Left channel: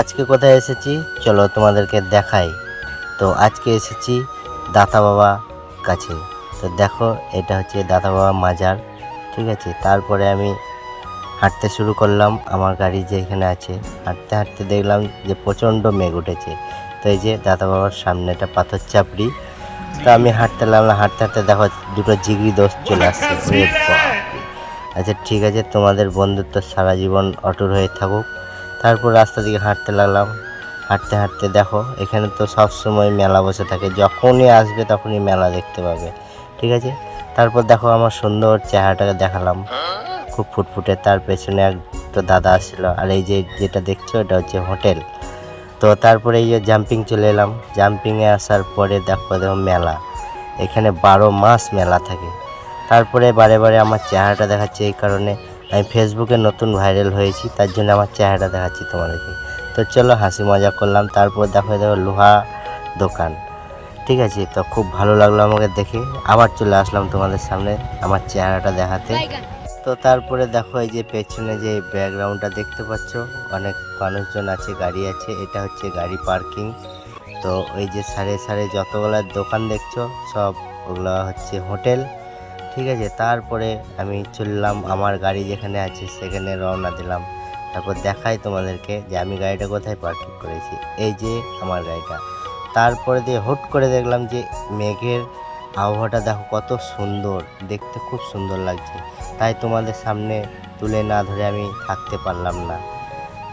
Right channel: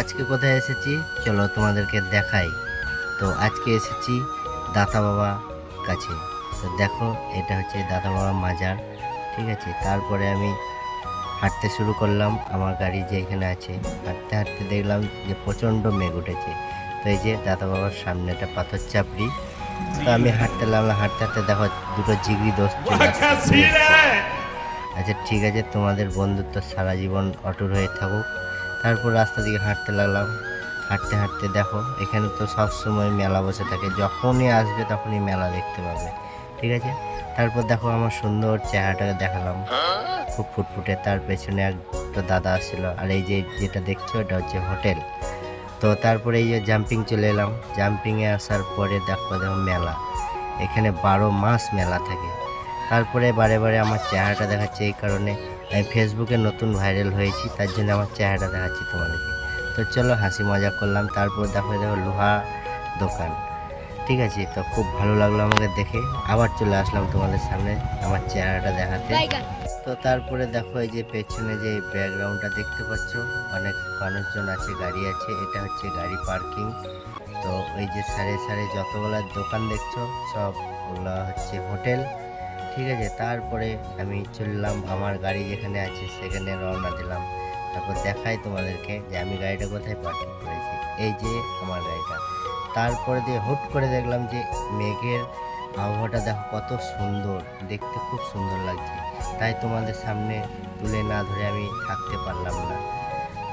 আজকে কোথায় এসেছি চলো তোমাদেরকে দেখাই। তো আজকে এসেছি দাতা বাবা কাছে। তো দেখো এটা হচ্ছে দাতা বাবা মাজার, ঠিক আছে। তারপরে আমি হাঁটতে শুরু করলাম, আমার গাড়ি যেখানে আছে হাঁটতে হাঁটতে দেখলাম যে প্রচণ্ড মেঘ উঠেছে। তো এই যে দাতা বাবার সামনে একটা পাথর চাপড়ি। তো আমি হাঁটতে লাগলাম, হাঁটতে হাঁটতে দেখো দুটো জিগরি দোস্ত চলে আসছে। আচ্ছা ঠিক আছে, তোমাদের বন্ধুত্ব সারা জীবন অটুট হয়ে থাকুক। তারপর রাস্তা দিকে হাঁটতে লাগলাম, হাঁটতে হাঁটতে দেখো এখানে তো সব সময় মেলা বসে থাকে, যখনই আসবে তখনই মেলা দেখতে পাবে, ঠিক আছে। তারপর দেখো আমার সুন্দর চেহারাটাকে দেখালাম, খুব ফুটফুটে। তার পেছনে একটা দাদা আসছিল, আর এই যে যেটা দেখছো এটা হচ্ছে হোটেল। তো তারপরে এই যে জাম্পিং চলে এলাম, জাম্পিংয়ে আসার পরে দেখো দেখো মেলা, এখানে 12 মাস মেলা থাকে। তারপরে বারে বারে আমার চেহারাটা দেখাচ্ছে এই কারণে আমি ফেসবুকে নতুন ভাইরাল হয়েছি, তার জন্য আমার চেহারাটা দেখাচ্ছি তোমাদেরকে। তো চলো হাসি মজা করলাম। তারপর দেখো দেখো লোহা দোকান, ঠিক আছে। তো খুব ভালো লাগলো আমাকে দেখে, আবার চলে আসলাম তোমাদের সামনে আমার চেহারাটা দেখাতে। তো তারপরে দেখো এই যে পেছনে যে ব্যাকগ্রাউন্ডটা দেখতে পাচ্ছ, অনেক মানুষজন আছে, গাড়ি আছে, এটা হচ্ছে গাড়ি পার্কিং। তো ওই যে সারে সারে যতগুলো দোকান দেখছো সব ওগুলো হচ্ছে হোটেল, ঠিক আছে। তারপরে আমি চললাম আমার গাড়ি যেখানে আছে সেখানে রওনা দিলাম। তারপর দেখাই তোমাদেরকে যে আমি গাড়িটা কোথায় পার্কিং করেছি, এই যে আমার গাড়িটা। তারপরে দিয়ে হুট করে দেখলাম যে মেঘের আবহাওয়াটা দেখো কত সুন্দর, দেখতে খুব সুন্দর লাগছে। তাই তোমাদের সামনে তুলে না ধরে আমি থাকতে পারলাম না।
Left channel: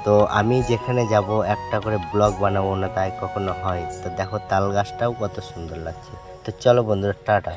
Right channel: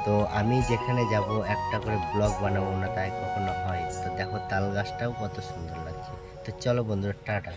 তো আমি যেখানে যাব একটা করে ব্লগ বানাবো না তাই কখনো হয়। তো দেখো তাল গাছটাও কত সুন্দর লাগছে। তো চলো বন্ধুরা, টাটা।